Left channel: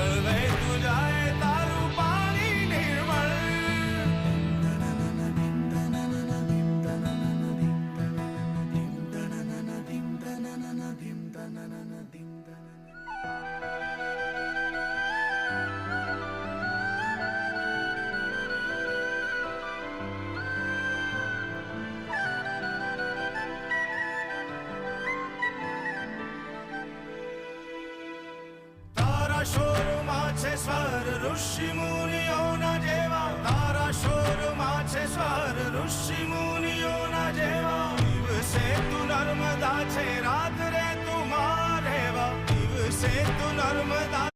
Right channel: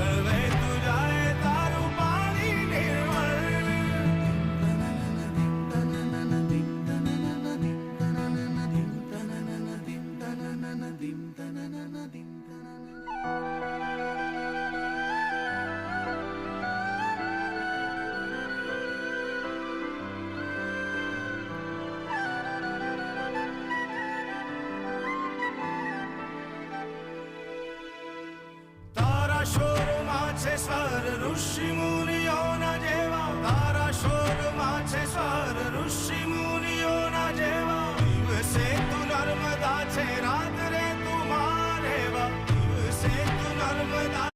ઠલવે તું જાય તારું પાણી નિર્મળ. તારા શોરમાં છે સ્વર ઋષિ મુનિઓના જેવા. તારા શોરમાં છે સ્વર ઋષિ મુનિઓના જેવા. દિવસે તું નર્મદા છે રાત્રે તું મારેવા. દિવસે તું નર્મદા